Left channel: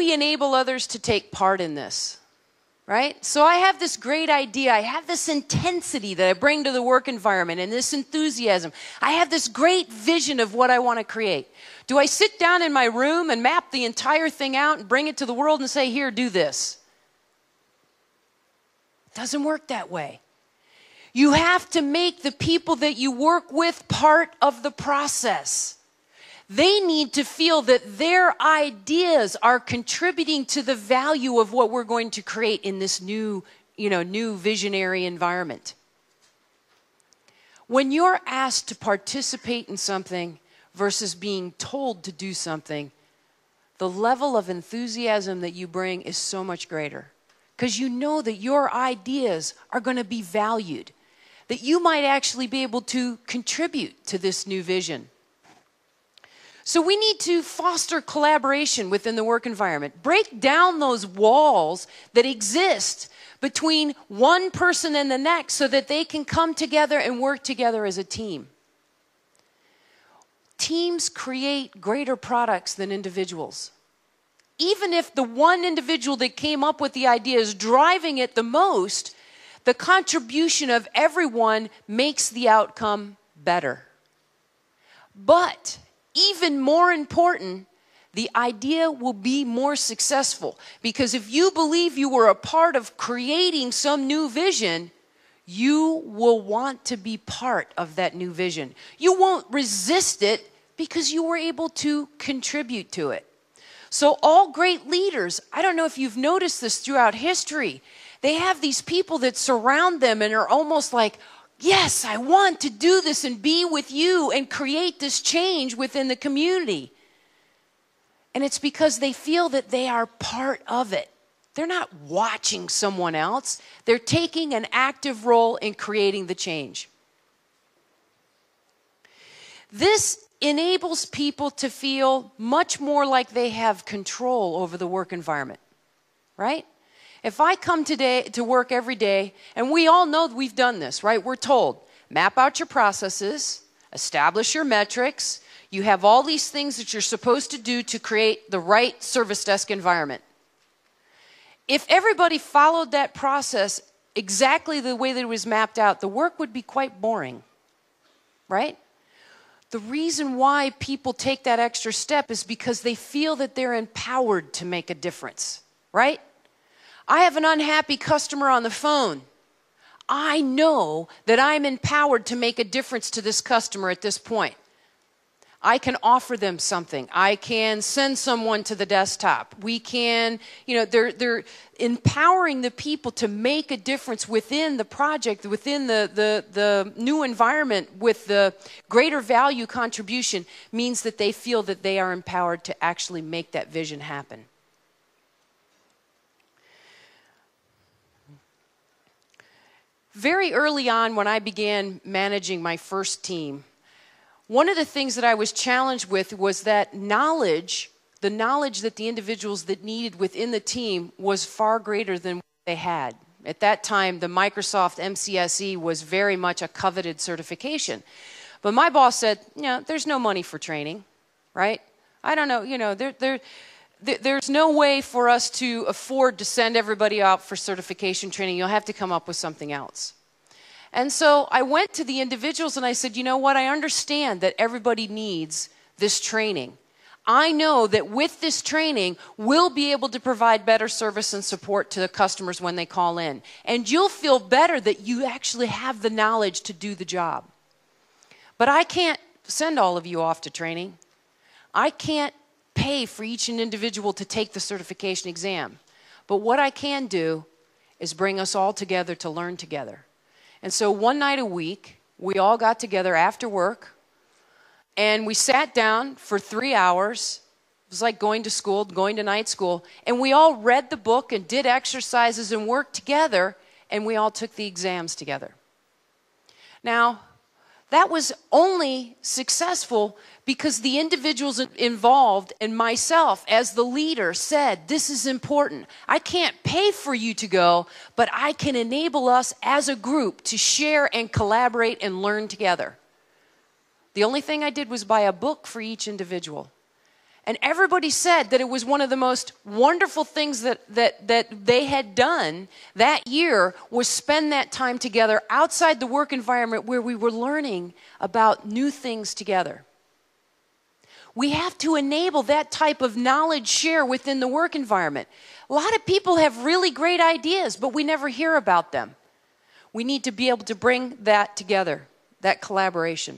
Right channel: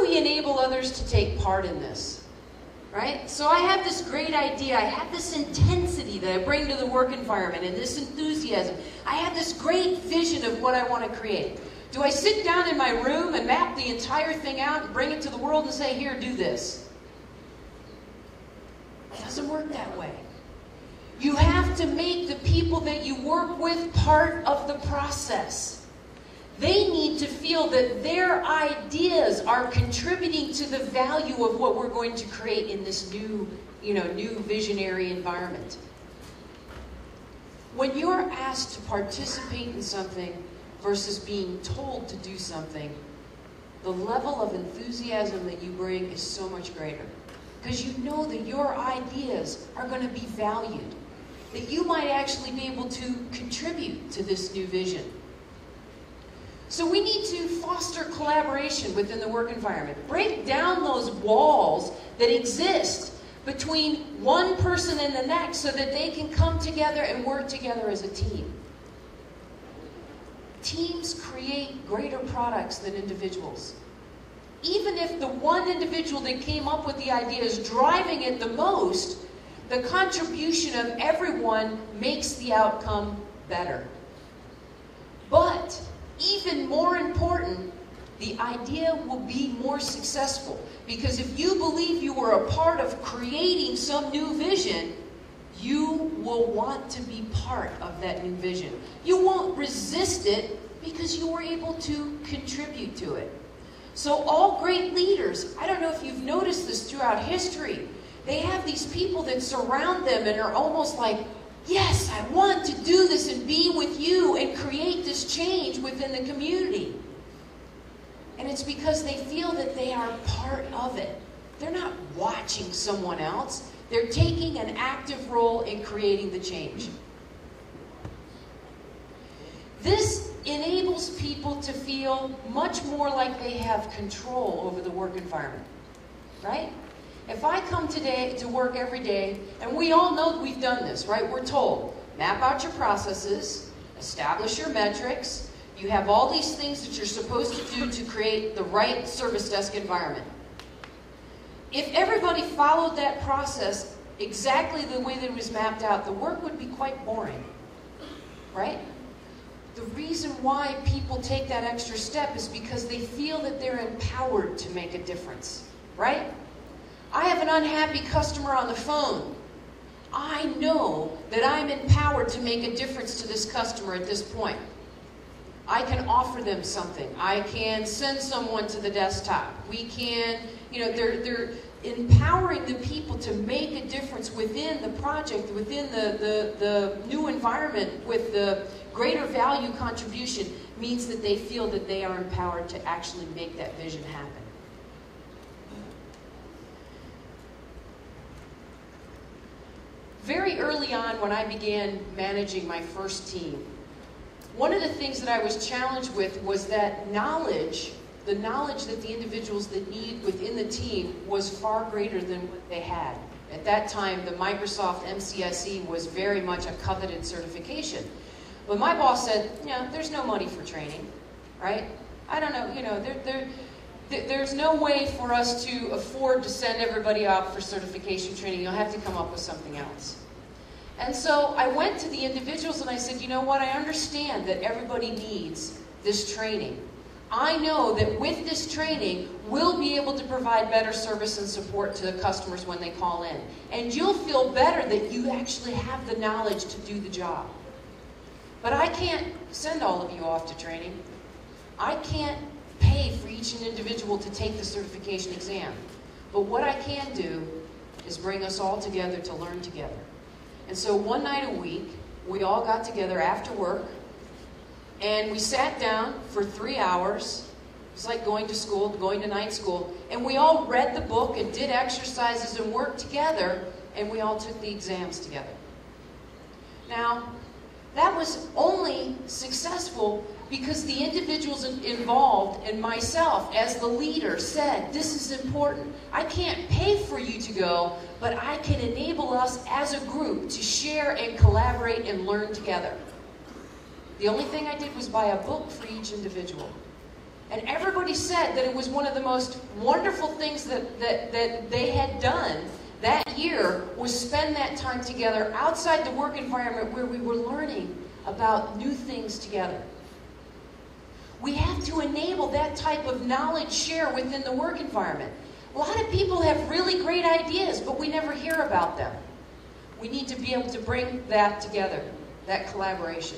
we enable others to take part in this? Right? So I have this great idea. I have this intensity that I bring to the work environment and this enthusiasm. I have this great vision of what I want to create. Do I sit down in my room and map the entire thing out and bring it to the world and say, here, do this? It doesn't work that way. You have to make the people that you work with part of the process. They need to feel that their ideas are contributing to the value of what we're going to create in this new visionary environment. When you're asked to participate in something versus being told to do something, the level of enthusiasm that you bring is so much greater. Because you know that your ideas are going to be valued, that you might actually be able to contribute to this new vision. So we need to foster collaboration within the work environment. Break down those walls that exist between one person and the next so that they can come together and work together as a team. Teams create greater products than individuals. Even if the one individual that came up with the idea is driving it the most, the contribution of everyone makes the outcome better. But even more important, the idea will be more successful. Because if you believe you were a part of creating some new vision, you will want to be part of that new vision. You won't resist it because you were able to contribute to it. So all great leaders, I don't know if you've noticed this throughout history, they have these people that surround them and are almost like, yes, I want to do this and be with you and create this change within the community. And it's because they feel that they are part of it. They're not watching someone else. They're taking an active role in creating the change. This enables people to feel much more like they have control over the work environment, right? If I come today to work every day, and we all know we've done this, right? We're told, map out your processes, establish your metrics, you have all these things that you're supposed to do to create the right service desk environment. If everybody followed that process exactly the way that it was mapped out, the work would be quite boring, right? The reason why people take that extra step is because they feel that they're empowered to make a difference, right? I have an unhappy customer on the phone. I know that I'm empowered to make a difference to this customer at this point. I can offer them something. I can send someone to the desktop. We can, they're empowering the people to make a difference within the project, within the new environment with the greater value contribution means that they feel that they are empowered to actually make that vision happen. Very early on when I began managing my first team, one of the things that I was challenged with was that knowledge, the knowledge that the individuals that needed within the team was far greater than what they had. At that time, the Microsoft MCSE was very much a coveted certification. But my boss said, there's no money for training, right? I don't know, there's no way for us to afford to send everybody out for certification training. You'll have to come up with something else. And so I went to the individuals and I said, you know what? I understand that everybody needs this training. I know that with this training, we'll be able to provide better service and support to the customers when they call in. And you'll feel better that you actually have the knowledge to do the job. But I can't send all of you off to training. I can't pay for each individual to take the certification exam. But what I can do is bring us all together to learn together. And so one night a week, we all got together after work, and we sat down for 3 hours. It was like going to school, going to night school, and we all read the book and did exercises and worked together, and we all took the exams together. Now, that was only successful because the individuals involved and myself as the leader said, this is important. I can't pay for you to go, but I can enable us as a group to share and collaborate and learn together. The only thing I did was buy a book for each individual. And everybody said that it was one of the most wonderful things that they had done that year was spend that time together outside the work environment where we were learning about new things together. We have to enable that type of knowledge share within the work environment. A lot of people have really great ideas, but we never hear about them. We need to be able to bring that together, that collaboration.